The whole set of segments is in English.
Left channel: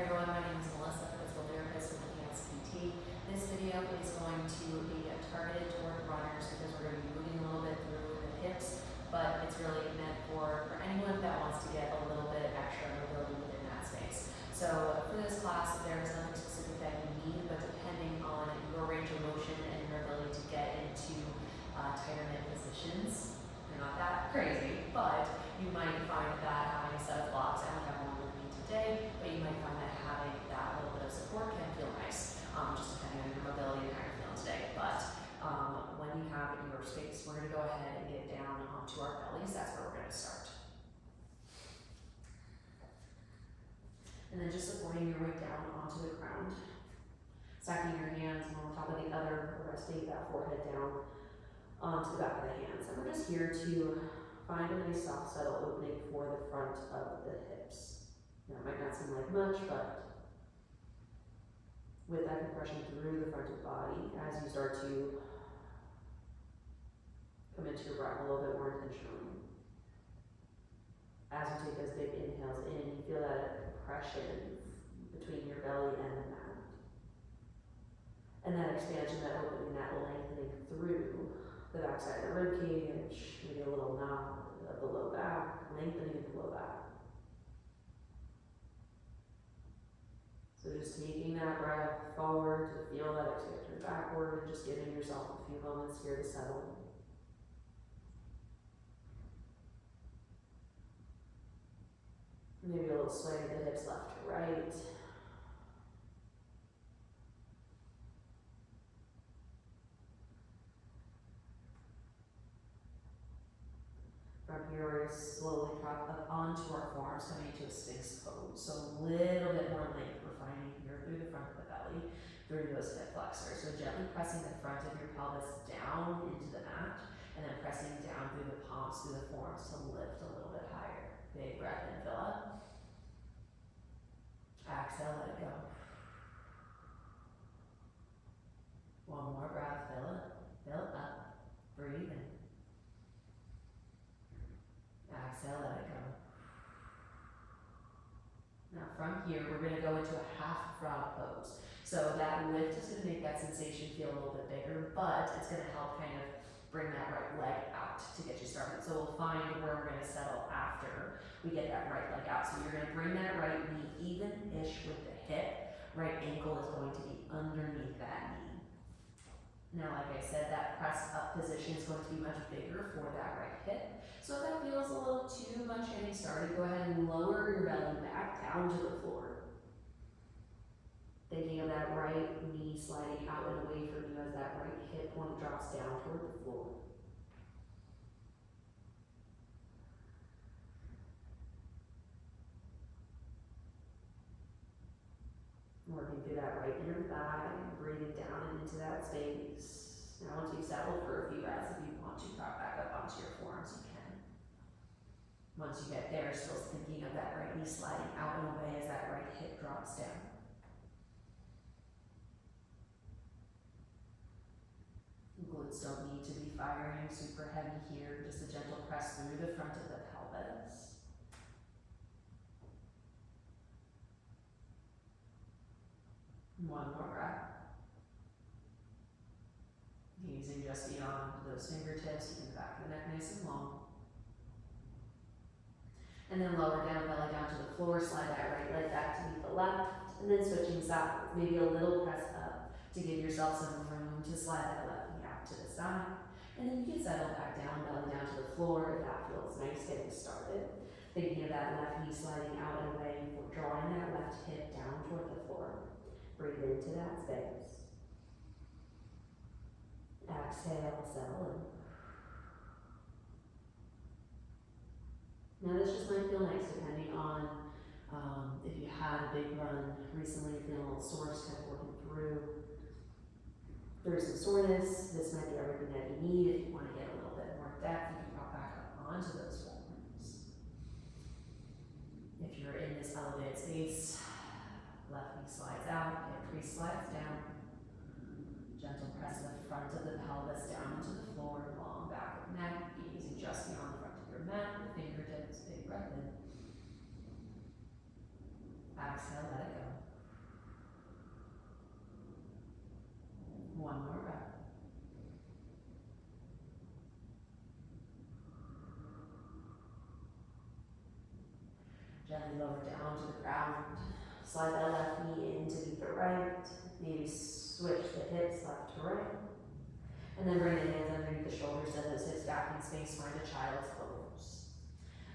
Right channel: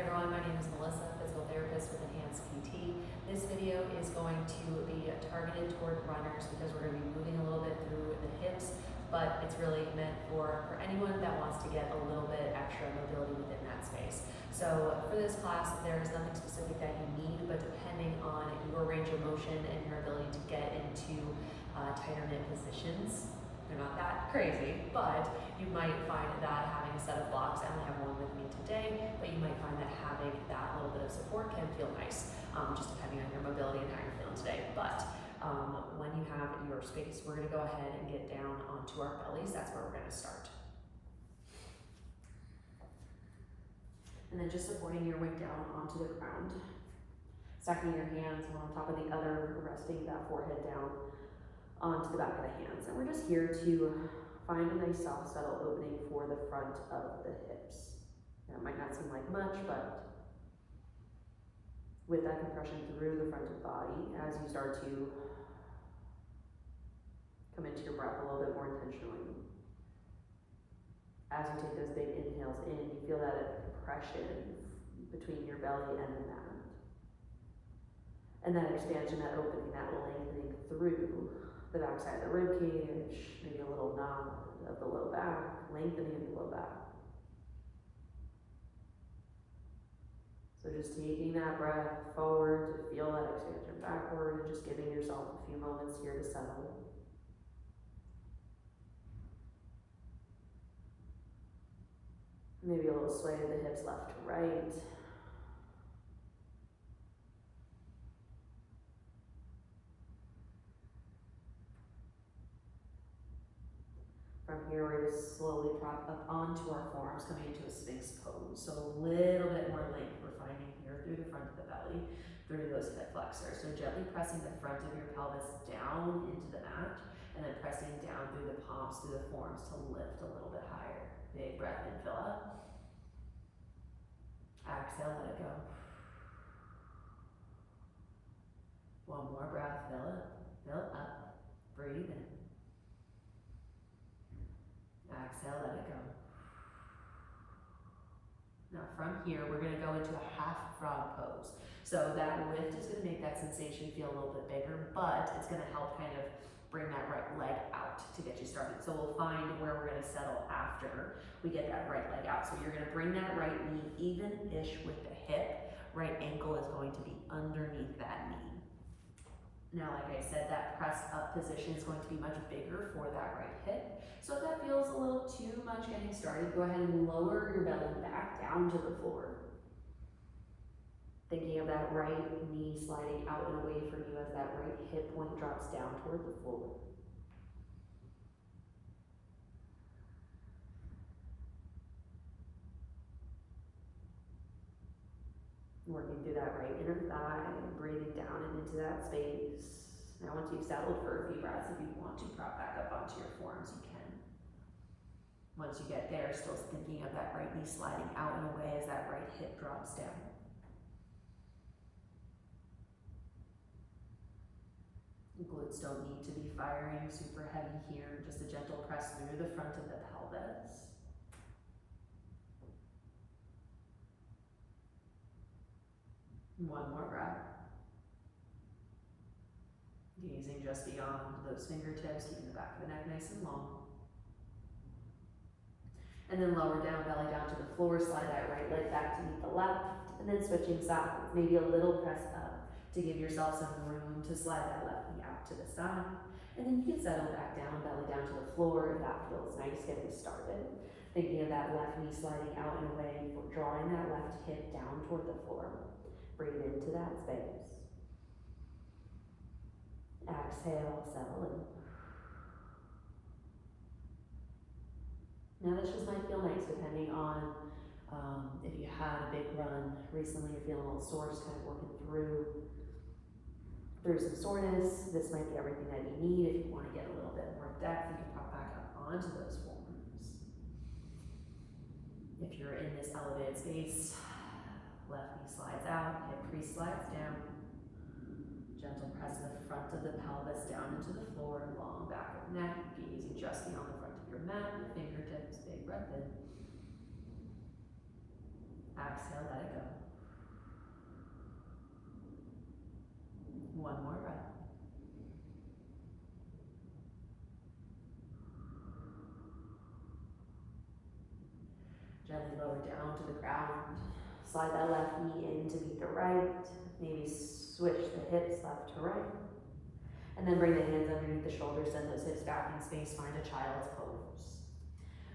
Hey everyone, my name is Melissa, physical therapist with Enhanced PT. This video is going to be targeted toward runners because we're going to be moving a little bit through the hips, but it's really meant for anyone that wants to get a little bit extra mobility within that space. So for this class, there is nothing specific that you need, but depending on your range of motion and your ability to get into tighter knit positions, they're not that crazy, but you might find that having a set of blocks, I only have one with me today, but you might find that having that little bit of support can feel nice, just depending on your mobility and how you're feeling today. But when you have your space, we're gonna go ahead and get down onto our bellies. That's where we're gonna start. And then just supporting your weight down onto the ground. Stacking your hands one on top of the other, resting that forehead down onto the back of the hands. And we're just here to find a nice soft settle opening for the front of the hips. Now it might not seem like much, but with that compression through the front of the body, as you start to come into your breath a little bit more intentionally. As you take those big inhales in, you feel that compression between your belly and the mat. And that expansion, that opening, that lengthening through the back side of the rib cage, maybe a little nod of the low back, lengthening of the low back. So just taking that breath forward to feel that expansion backward, and just giving yourself a few moments here to settle. Maybe a little sway of the hips left to right. From here, we're going to slowly prop up onto our forearms, coming into a Sphinx pose. So a little bit more length we're finding here through the front of the belly, through those hip flexors. So gently pressing the front of your pelvis down into the mat, and then pressing down through the palms, through the forearms to lift a little bit higher. Big breath in, fill up. Exhale, let it go. One more breath, fill it, fill up, breathe in. Exhale, let it go. Now from here, we're going to go into a half frog pose. So that lift is going to make that sensation feel a little bit bigger, but it's going to help kind of bring that right leg out to get you started. So we'll find where we're going to settle after we get that right leg out. So you're going to bring that right knee even-ish with the hip. Right ankle is going to be underneath that knee. Now, like I said, that press up position is going to be much bigger for that right hip. So if that feels a little too much getting started, go ahead and lower your belly back down to the floor. Thinking of that right knee sliding out and away from you as that right hip point drops down toward the floor. Working through that right inner thigh, breathing down and into that space. Now once you've settled for a few breaths, if you want to prop back up onto your forearms, you can. Once you get there, still thinking of that right knee sliding out and away as that right hip drops down. Glutes don't need to be firing super heavy here, just a gentle press through the front of the pelvis. One more breath. Gazing just beyond those fingertips, keeping the back of the neck nice and long. And then lower down, belly down to the floor, slide that right leg back to meet the left, and then switching sides, maybe a little press up to give yourself some room to slide that left knee out to the side. And then you can settle back down, belly down to the floor if that feels nice getting started. Thinking of that left knee sliding out and away, drawing that left hip down toward the floor. Breathe into that space. Exhale, settle in. Now this just might feel nice depending on if you had a big run recently, you're feeling a little sore, just kind of working through some soreness. This might be everything that you need. If you want to get a little bit more depth, you can pop back up onto those forms. If you're in this elevated space, left knee slides out, hip crease slides down. Gentle press the front of the pelvis down into the floor, long back of neck, gazing just beyond the front of your mat, the fingertips, big breath in. Exhale, let it go. Gently lower down to the ground. Slide that left knee in to meet the right. Maybe switch the hips left to right. And then bring the hands underneath the shoulders, send those hips back in space, find a child's pose.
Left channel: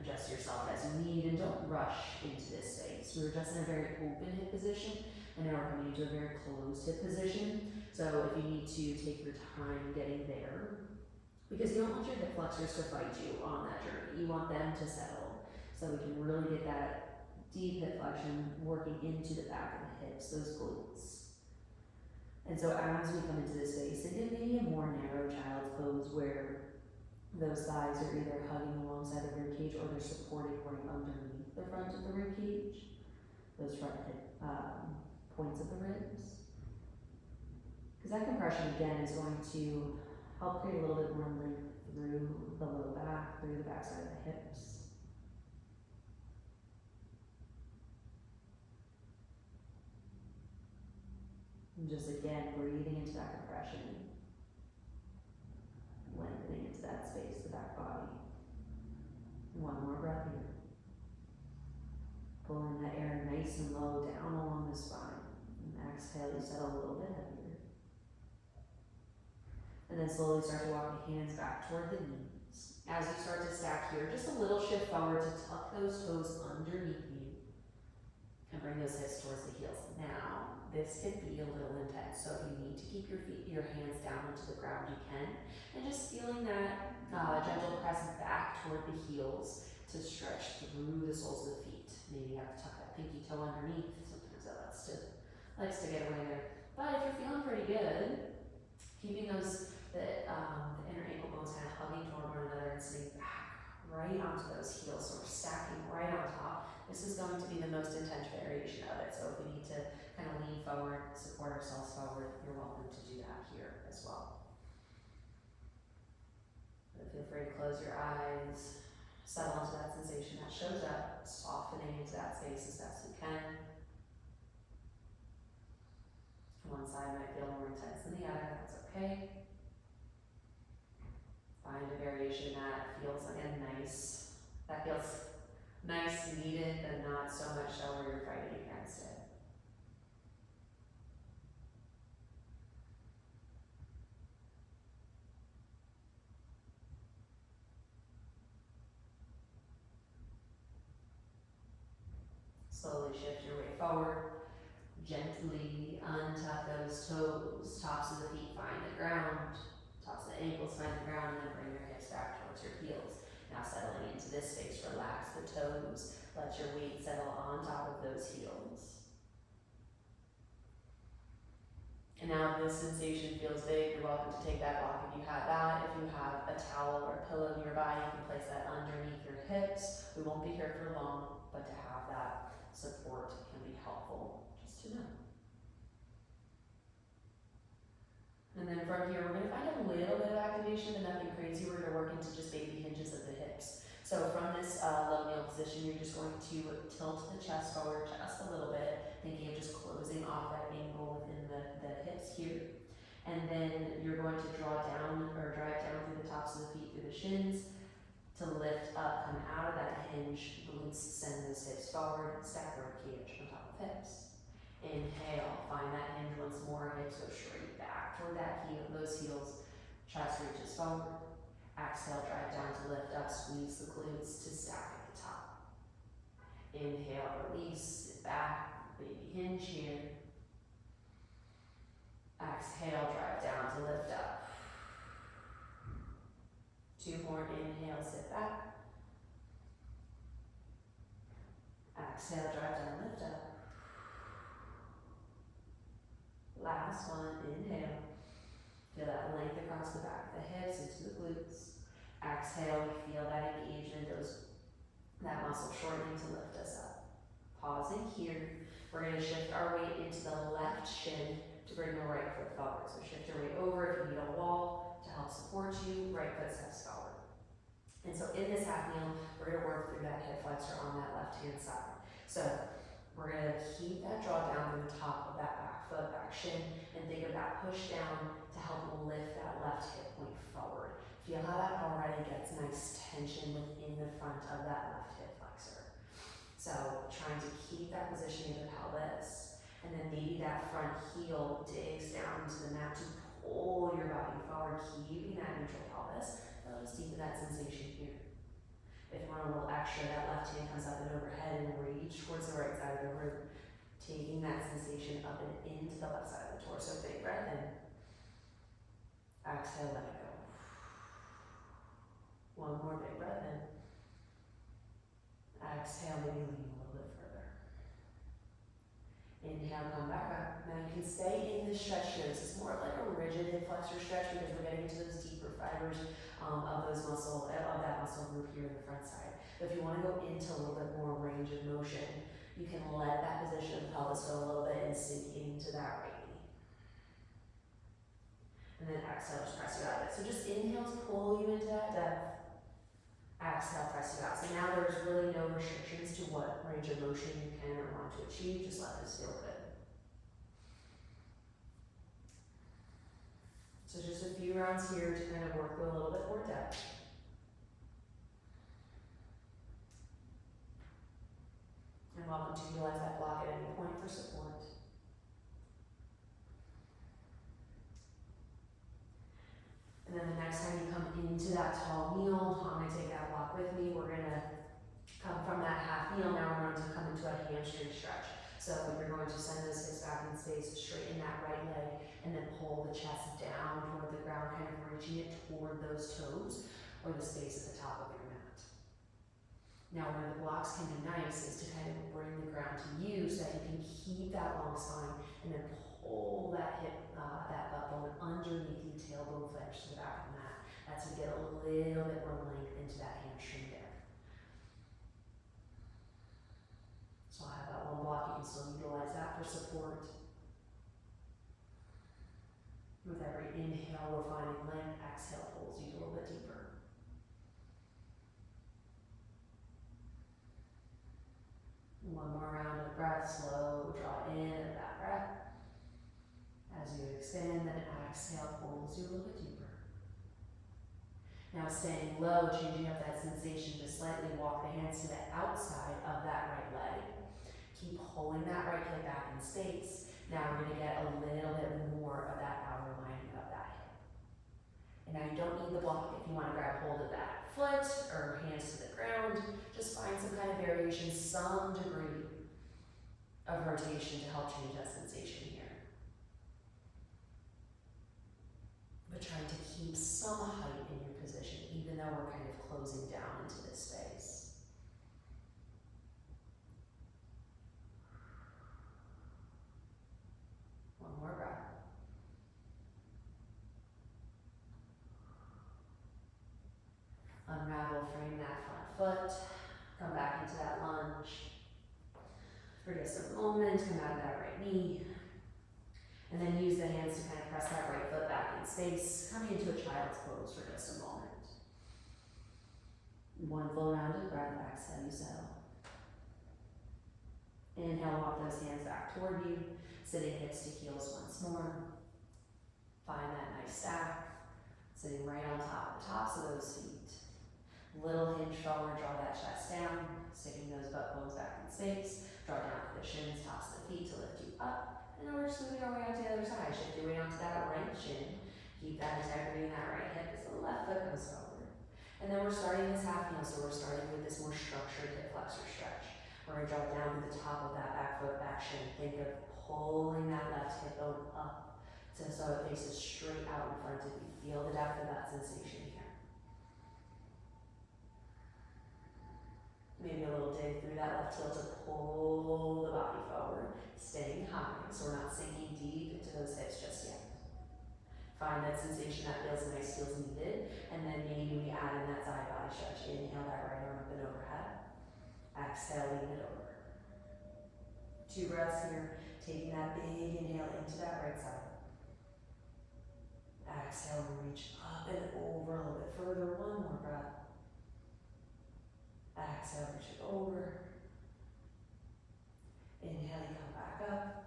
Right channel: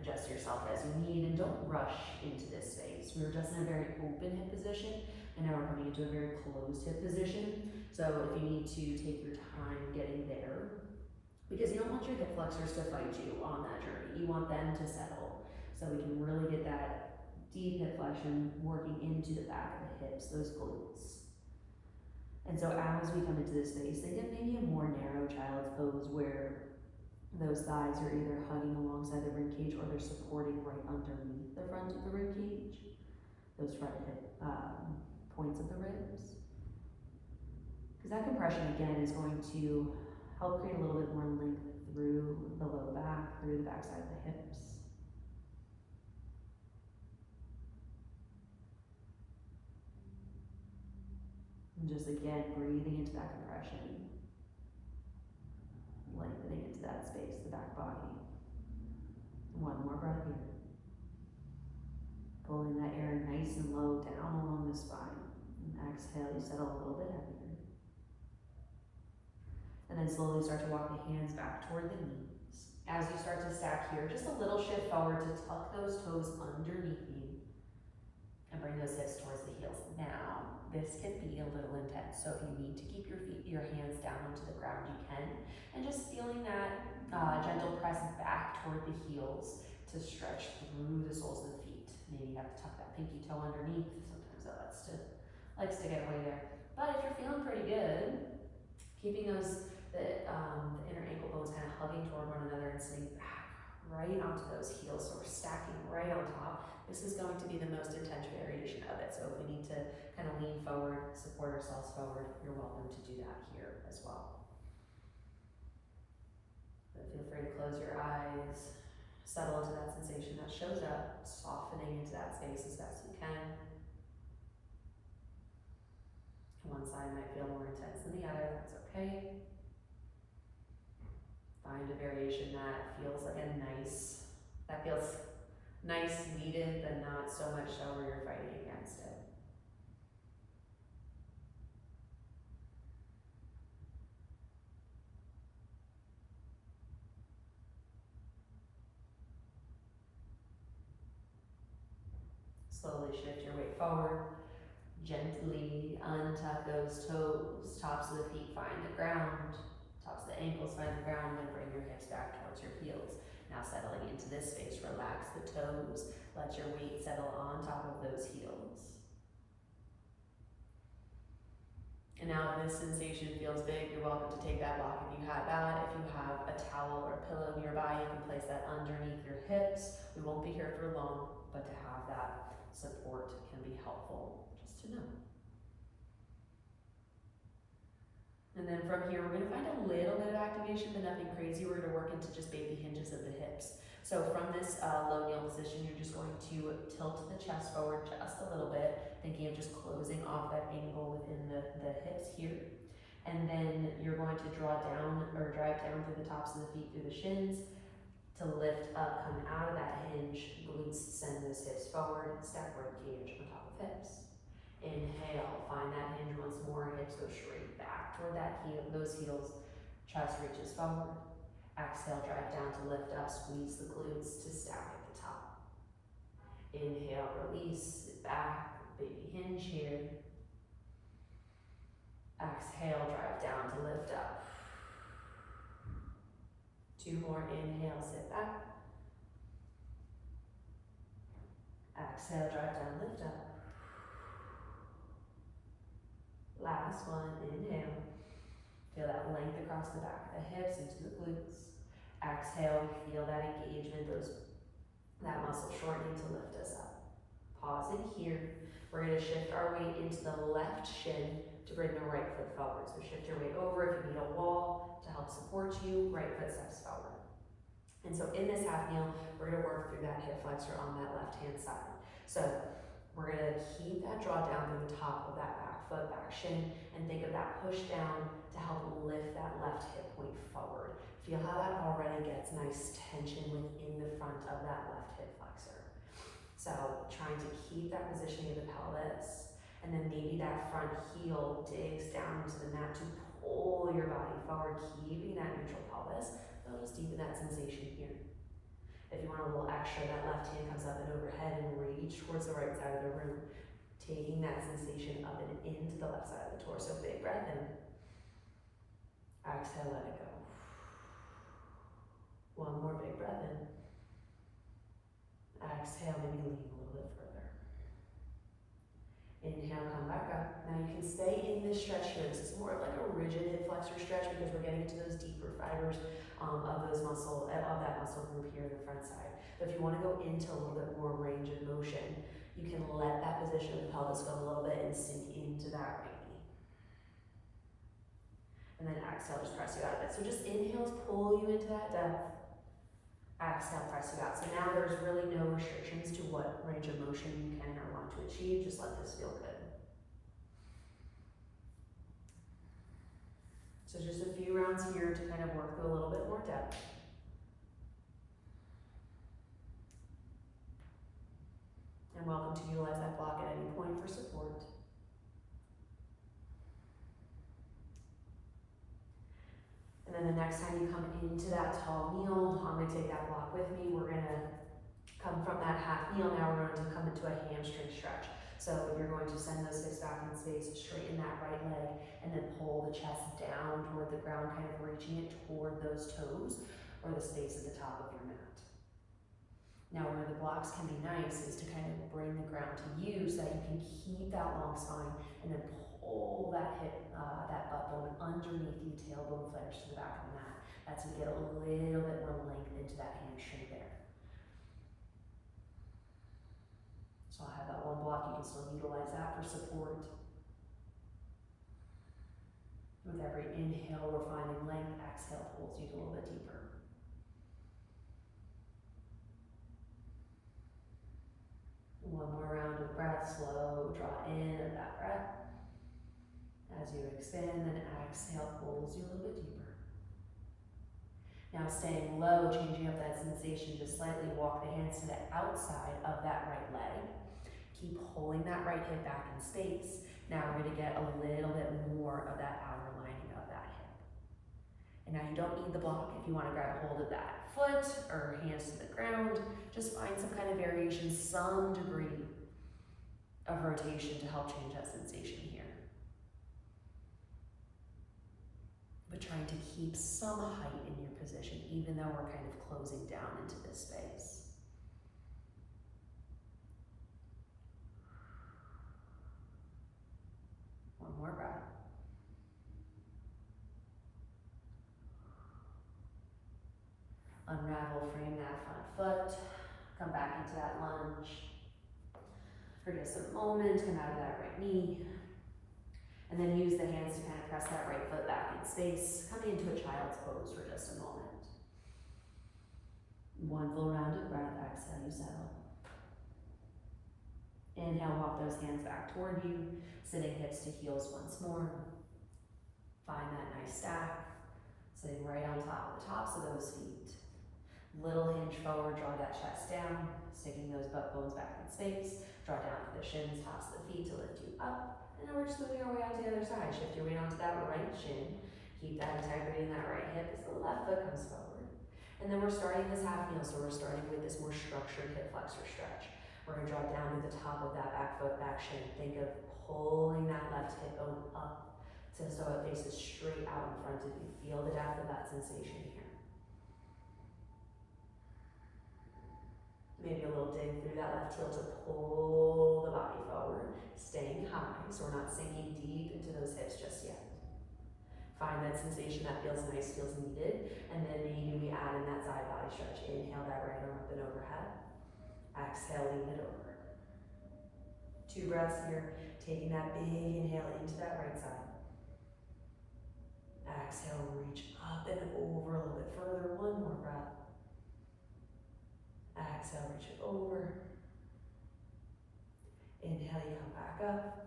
Adjust yourself as you need and don't rush into this space. We were just in a very open hip position and now we're coming into a very closed hip position. So if you need to take your time getting there, because you don't want your hip flexors to fight you on that journey. You want them to settle. So we can really get that deep hip flexion working into the back of the hips, those glutes. And so as we come into this space, think of maybe a more narrow child's pose where those thighs are either hugging alongside the rib cage or they're supporting right underneath the front of the rib cage, those front hip points of the ribs. Because that compression again is going to help create a little bit more length through the low back, through the backside of the hips. And just again, breathing into that compression. Lengthening into that space, the back body. One more breath here. Pulling that air nice and low down along the spine. And exhale, you settle a little bit heavier. And then slowly start to walk the hands back toward the knees. As you start to stack here, just a little shift forward to tuck those toes underneath you and bring those hips towards the heels. Now, this can be a little intense, so if you need to keep your hands down onto the ground, you can. And just feeling that gentle press back toward the heels to stretch through the soles of the feet. Maybe you have to tuck that pinky toe underneath. Sometimes that likes to get away there. But if you're feeling pretty good, keeping the inner ankle bones kind of hugging toward one another and sitting back right onto those heels, so we're stacking right on top. This is going to be the most intense variation of it. So if we need to kind of lean forward, support ourselves forward, you're welcome to do that here as well. But feel free to close your eyes, settle into that sensation that shows up, softening into that space as best you can. One side might feel more intense than the other, that's okay. Find a variation that feels like nice, needed, but not so much so where you're fighting against it. Slowly shift your weight forward. Gently untuck those toes. Tops of the feet find the ground. Tops of the ankles find the ground, and then bring your hips back towards your heels. Now settling into this space, relax the toes. Let your weight settle on top of those heels. And now if this sensation feels big, you're welcome to take that block if you have that. If you have a towel or a pillow nearby, you can place that underneath your hips. We won't be here for long, but to have that support can be helpful, just to know. And then from here, we're gonna find a little bit of activation, but nothing crazy. We're gonna work into just baby hinges of the hips. So from this low kneel position, you're just going to tilt the chest forward just a little bit, thinking of just closing off that angle within the hips here. And then you're going to drive down through the tops of the feet, through the shins, to lift up, come out of that hinge, glutes send those hips forward, stack rib cage on top of hips. Inhale, find that hinge once more, hips go straight back toward that heel, those heels, chest reaches forward. Exhale, drive down to lift up, squeeze the glutes to stack at the top. Inhale, release, sit back, baby hinge here. Exhale, drive down to lift up. Two more, inhale, sit back. Exhale, drive down, lift up. Last one, inhale. Feel that length across the back of the hips into the glutes. Exhale, we feel that engagement, that muscle shortening to lift us up. Pausing here, we're gonna shift our weight into the left shin to bring the right foot forward. So shift your weight over. If you need a wall to help support you, right foot steps forward. And so in this half kneel, we're gonna work through that hip flexor on that left-hand side. So we're gonna keep that draw down through the top of that back foot, back shin, and think of that push down to help lift that left hip point forward. Feel how that already gets nice tension within the front of that left hip flexor. So keep that positioning of the pelvis, and then maybe that front heel digs down into the mat to pull your body forward, keeping that neutral pelvis. That'll just deepen that sensation here. If you want a little extra, that left hand comes up and overhead and reach towards the right side of the room, taking that sensation up and into the left side of the torso. Big breath in. Exhale, let it go. One more big breath in. Exhale, maybe lean a little bit further. Inhale, come back up. Now you can stay in this stretch here. This is more like a rigid hip flexor stretch because we're getting into those deeper fibers of that muscle group here in the front side. But if you want to go into a little bit more range of motion, you can let that position of the pelvis go a little bit and sink into that right knee. And then exhale, just press you out of it. So just inhales pull you into that depth. Exhale, press you out. So now there's really no restrictions to what range of motion you can or want to achieve. Just let this feel good. So just a few rounds here to kind of work through a little bit more depth. And welcome to utilize that block at any point for support. And then the next time you come into that tall kneel, I'm going to take that block with me. We're going to come from that half kneel. Now we're going to come into a hamstring stretch. So you're going to send those hips back in space, straighten that right leg, and then pull the chest down toward the ground, kind of reaching it toward those toes or the space at the top of your mat. Now where the blocks can be nice is to kind of bring the ground to you so that you can keep that long spine and then pull that hip, that butt bone underneath the tailbone flange to the back of the mat. That's to get a little bit more length into that hamstring there. So I'll have that one block, you can still utilize that for support. With every inhale, we're finding length. Exhale pulls you a little bit deeper. One more round of breath, slow, draw in of that breath. As you extend, then exhale pulls you a little bit deeper. Now staying low, changing up that sensation, just slightly walk the hands to the outside of that right leg. Keep pulling that right hip back in space. Now we're going to get a little bit more of that outer lining of that hip. And now you don't need the block. If you want to grab hold of that foot or hands to the ground, just find some kind of variation, some degree of rotation to help change that sensation here. But trying to keep some height in your position, even though we're kind of closing down into this space. One more breath. Unravel, frame that front foot. Come back into that lunge. For just a moment, come out of that right knee. And then use the hands to kind of press that right foot back in space, coming into a child's pose for just a moment. One full round of breath, exhale, you settle. Inhale, walk those hands back toward you, sitting hips to heels once more. Find that nice stack, sitting right on top of the tops of those feet. Little hinge forward, draw that chest down, sticking those butt bones back in space. Draw down to the shins, tops of the feet to lift you up. And then we're just moving our way out to the other side. Shift your weight onto that right shin. Keep that integrity in that right hip as the left foot comes forward. And then we're starting this half kneel, so we're starting with this more structured hip flexor stretch. We're going to drop down to the top of that back foot, back shin. Think of pulling that left hip bone up so it faces straight out in front of you. Feel the depth of that sensation here. Maybe a little dig through that left heel to pull the body forward, staying high, so we're not sinking deep into those hips just yet. Find that sensation that feels nice, feels needed, and then maybe we add in that side body stretch. Inhale that right arm up and overhead. Exhale, lean it over. 2 breaths here, taking that big inhale into that right side. Exhale, reach up and over a little bit further. 1 more breath. Exhale, reach it over. Inhale, you come back up.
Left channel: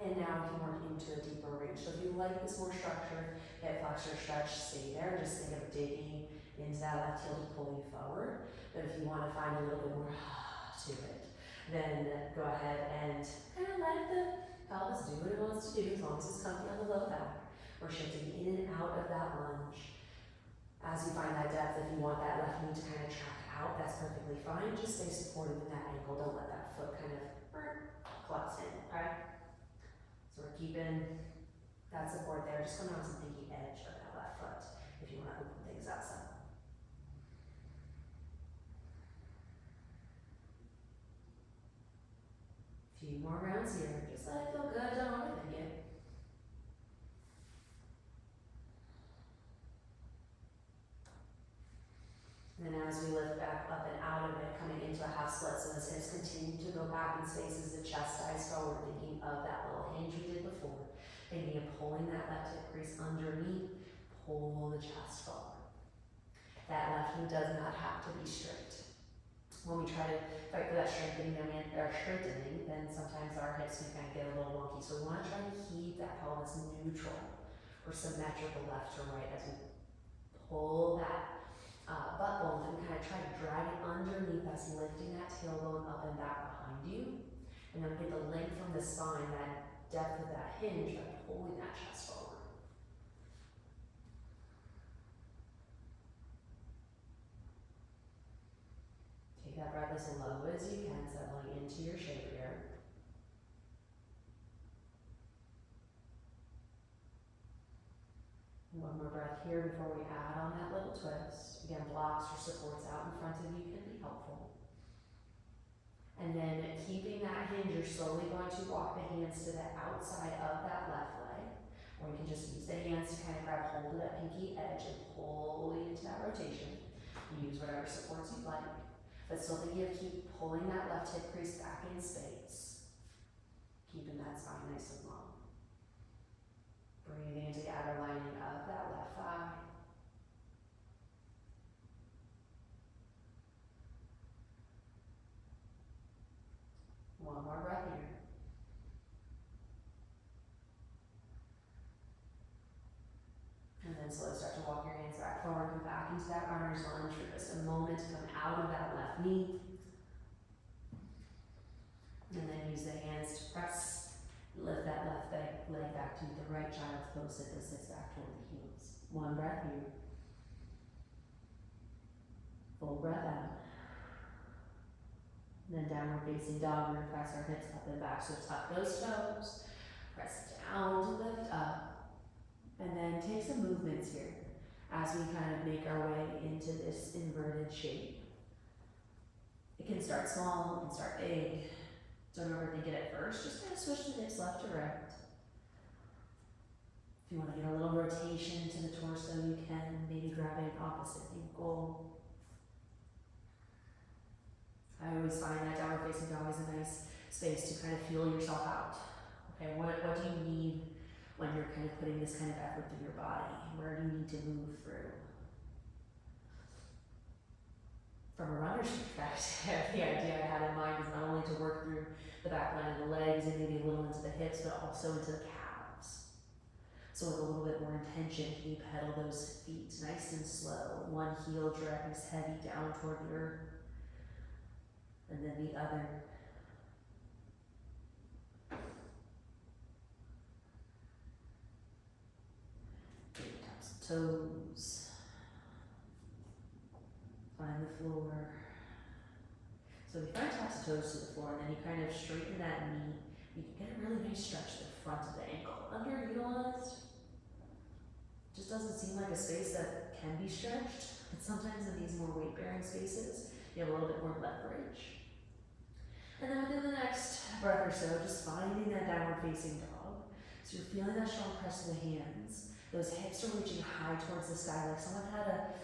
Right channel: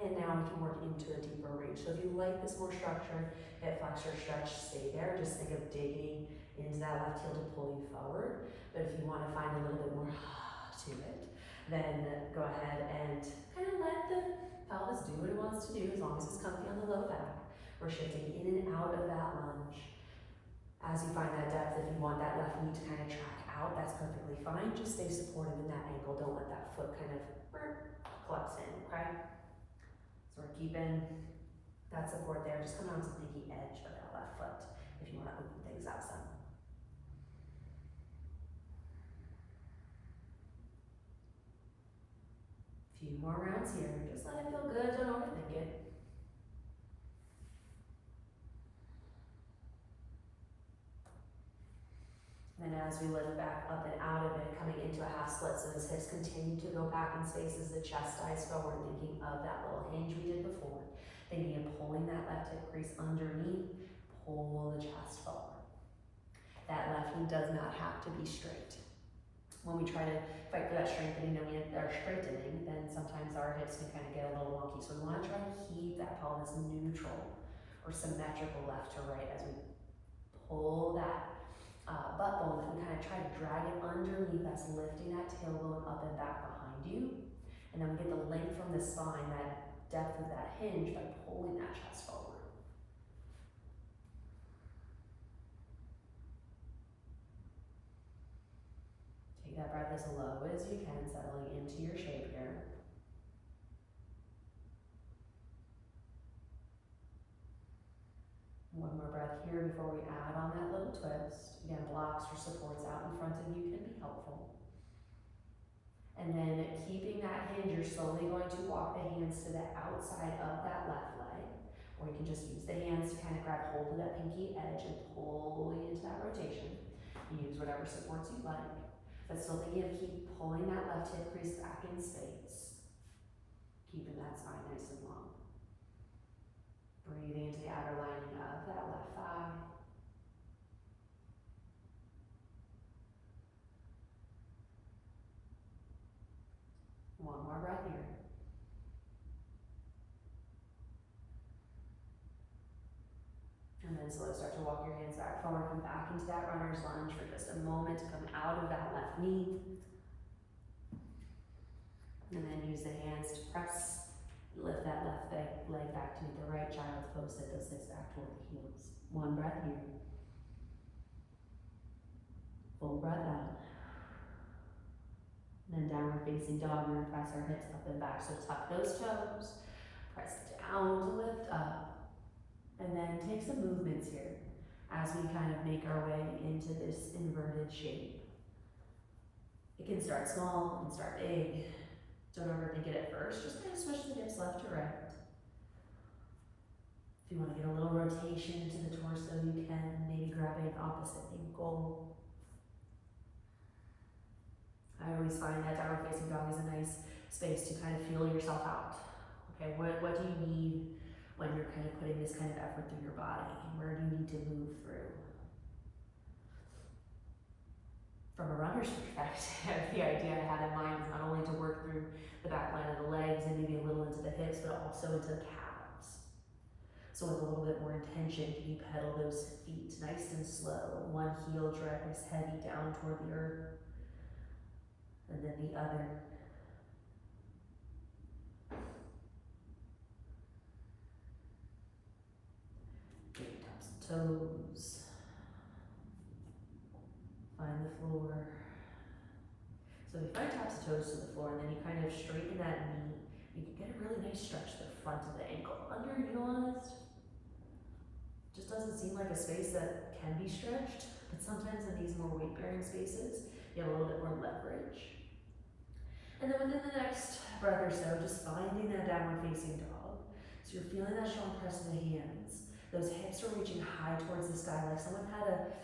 And now we can work into a deeper reach. So if you like this more structured hip flexor stretch, stay there. Just think of digging into that left heel to pull you forward. But if you want to find a little bit more to it, then go ahead and kind of let the pelvis do what it wants to do as long as it's comfy on the low back. We're shifting in and out of that lunge. As you find that depth, if you want that left knee to kind of track out, that's perfectly fine. Just stay supportive in that ankle. Don't let that foot kind of collapse in, okay? So we're keeping that support there. Just come down to the pinky edge of that left foot if you want to open things up some. Few more rounds here. Just let it feel good. Don't overthink it. And then as we lift back up and out of it, coming into a half split, so those hips continue to go back in space as the chest dives forward, thinking of that little hinge we did before, thinking of pulling that left hip crease underneath, pull the chest forward. That left knee does not have to be straight. When we try to fight for that strengthening, then sometimes our hips can kind of get a little wonky. So we want to try to keep that pelvis neutral or symmetrical left to right as we pull that butt bone, and kind of try to drag it underneath us, lifting that tailbone up and back behind you. And then we get the length from the spine, that depth of that hinge by pulling that chest forward. Take that breath as low as you can, settling into your shape here. One more breath here before we add on that little twist. Again, blocks or supports out in front of you can be helpful. And then keeping that hinge, you're slowly going to walk the hands to the outside of that left leg, or you can just use the hands to kind of grab hold of that pinky edge and pull you into that rotation. Use whatever supports you like, but still thinking of keep pulling that left hip crease back in space, keeping that spine nice and long. Breathing into the outer lining of that left thigh. One more breath here. And then slowly start to walk your hands back forward, come back into that runner's lunge for just a moment to come out of that left knee. And then use the hands to press. Lift that left leg back to meet the right, child's pose, sit those hips back toward the heels. One breath here. Full breath out. And then downward facing dog, we're gonna press our hips up and back. So tuck those toes, press down to lift up, and then take some movements here as we kind of make our way into this inverted shape. It can start small, it can start big. Don't overthink it at first, just kind of switch the hips left to right. If you want to get a little rotation into the torso, you can maybe grab an opposite ankle. I always find that downward facing dog is a nice space to kind of feel yourself out. Okay, what do you need when you're kind of putting this kind of effort through your body? Where do you need to move through? From a runner's perspective, the idea I had in mind is not only to work through the back line of the legs and maybe a little into the hips, but also into the calves. So with a little bit more intention, can you pedal those feet nice and slow? One heel drags heavy down toward the earth, and then the other. Big tops and toes. Find the floor. So we find tops of toes to the floor, and then you kind of straighten that knee. You can get a really nice stretch to the front of the ankle. Underutilized. Just doesn't seem like a space that can be stretched, but sometimes in these more weight-bearing spaces, you have a little bit more leverage. And then within the next breath or so, just finding that downward facing dog. So you're feeling that strong press of the hands. Those hips are reaching high towards the sky, like someone had a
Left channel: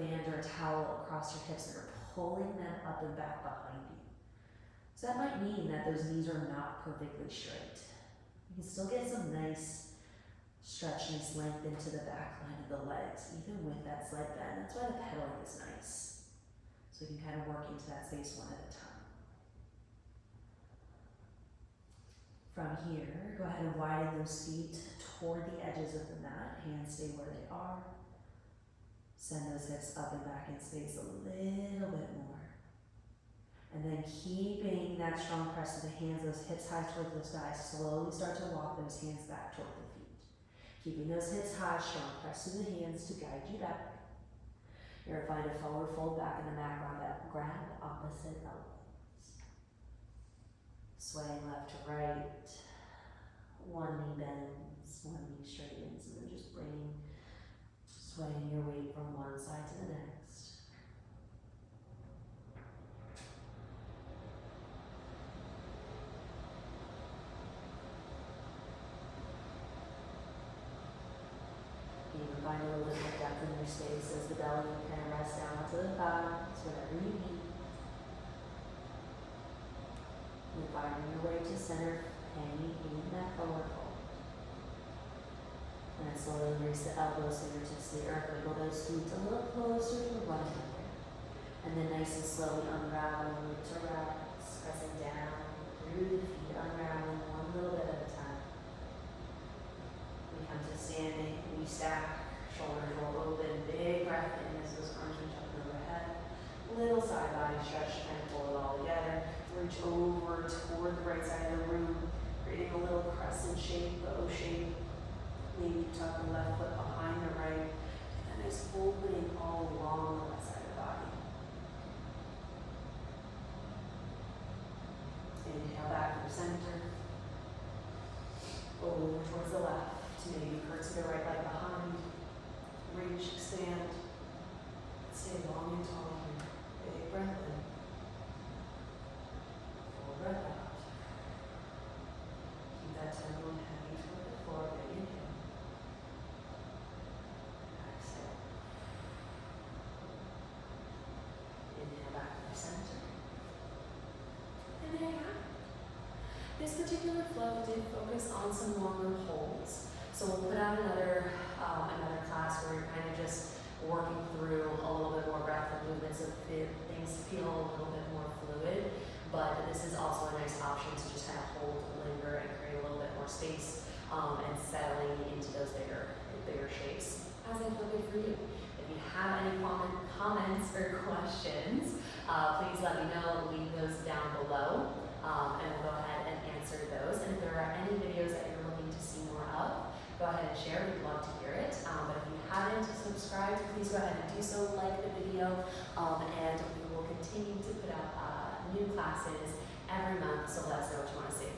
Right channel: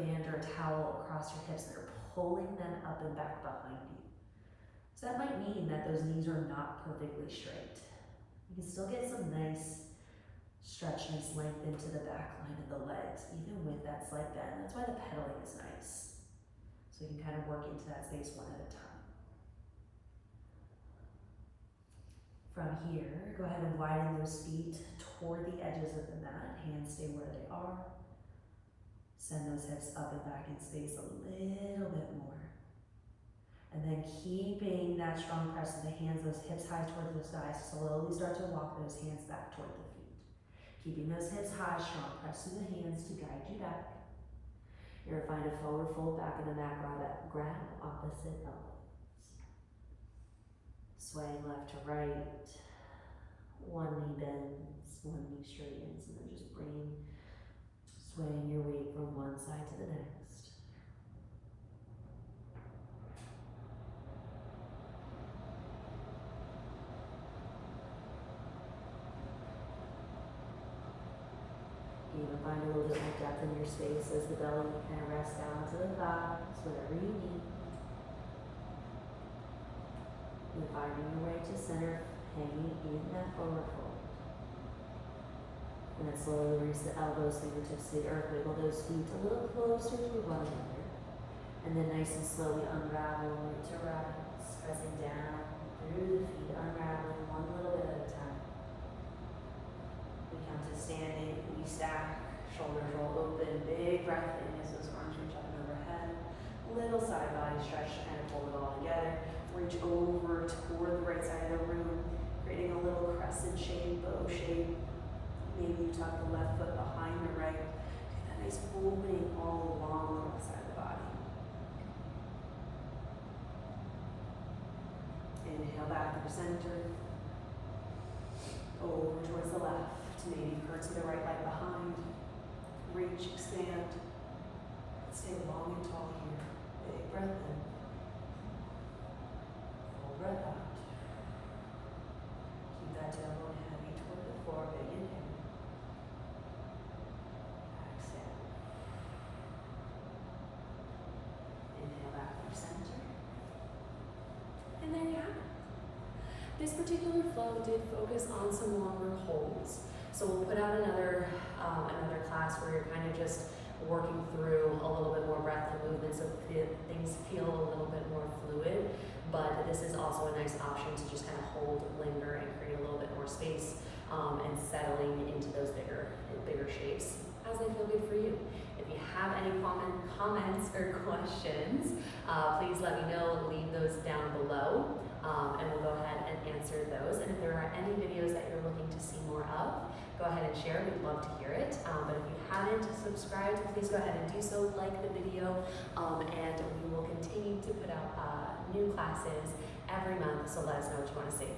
band or a towel across your hips that are pulling them up and back behind you. So that might mean that those knees are not perfectly straight. You can still get some nice stretch, nice length into the back line of the legs, even with that slight bend. That's why the pedaling is nice. So you can kind of work into that space one at a time. From here, go ahead and widen those feet toward the edges of the mat. Hands stay where they are. Send those hips up and back in space a little bit more. And then keeping that strong press of the hands, those hips high towards the sky. Slowly start to walk those hands back toward the feet. Keeping those hips high, strong press through the hands to guide you back. You're gonna find a forward fold back in the mat, grab opposite elbows. Swaying left to right. One knee bends, one knee straightens, and then just swaying your weight from one side to the next. You even find a little bit of depth in your space as the belly kind of rests down to the thighs, whatever you need. And finding your way to center, hanging in that forward fold. And then slowly release the elbows, fingertips to the earth, wiggle those feet a little closer to one another. And then nice and slowly unravel, right to rest, pressing down through the feet, unraveling one little bit at a time. We come to standing, we stack, shoulders roll open, big breath in as those arms reach up and overhead. Little side body stretch, and pull it all together. Reach over toward the right side of the room, creating a little crescent shape, bow shape. Maybe you tuck the left foot behind the right. That nice opening all along the left side of the body. Inhale back to the center. Over towards the left. Maybe curtsy the right leg behind. Reach, expand. Stay long and tall here. Big breath in. Full breath out. Keep that tempo heavy toward the floor. Big inhale. Exhale. Inhale back to the center. And there you have it. This particular flow did focus on some longer holds. So we'll put out another class where you're kind of just working through a little bit more breath and movement so things feel a little bit more fluid. But this is also a nice option to just kind of hold, linger, and create a little bit more space and settling into those bigger shapes as they feel good for you. If you have any comments or questions, please let me know and leave those down below. And we'll go ahead and answer those. And if there are any videos that you're looking to see more of, go ahead and share. We'd love to hear it. But if you haven't subscribed, please go ahead and do so, like the video, and we will continue to put out new classes every month, so let us know what you want to see.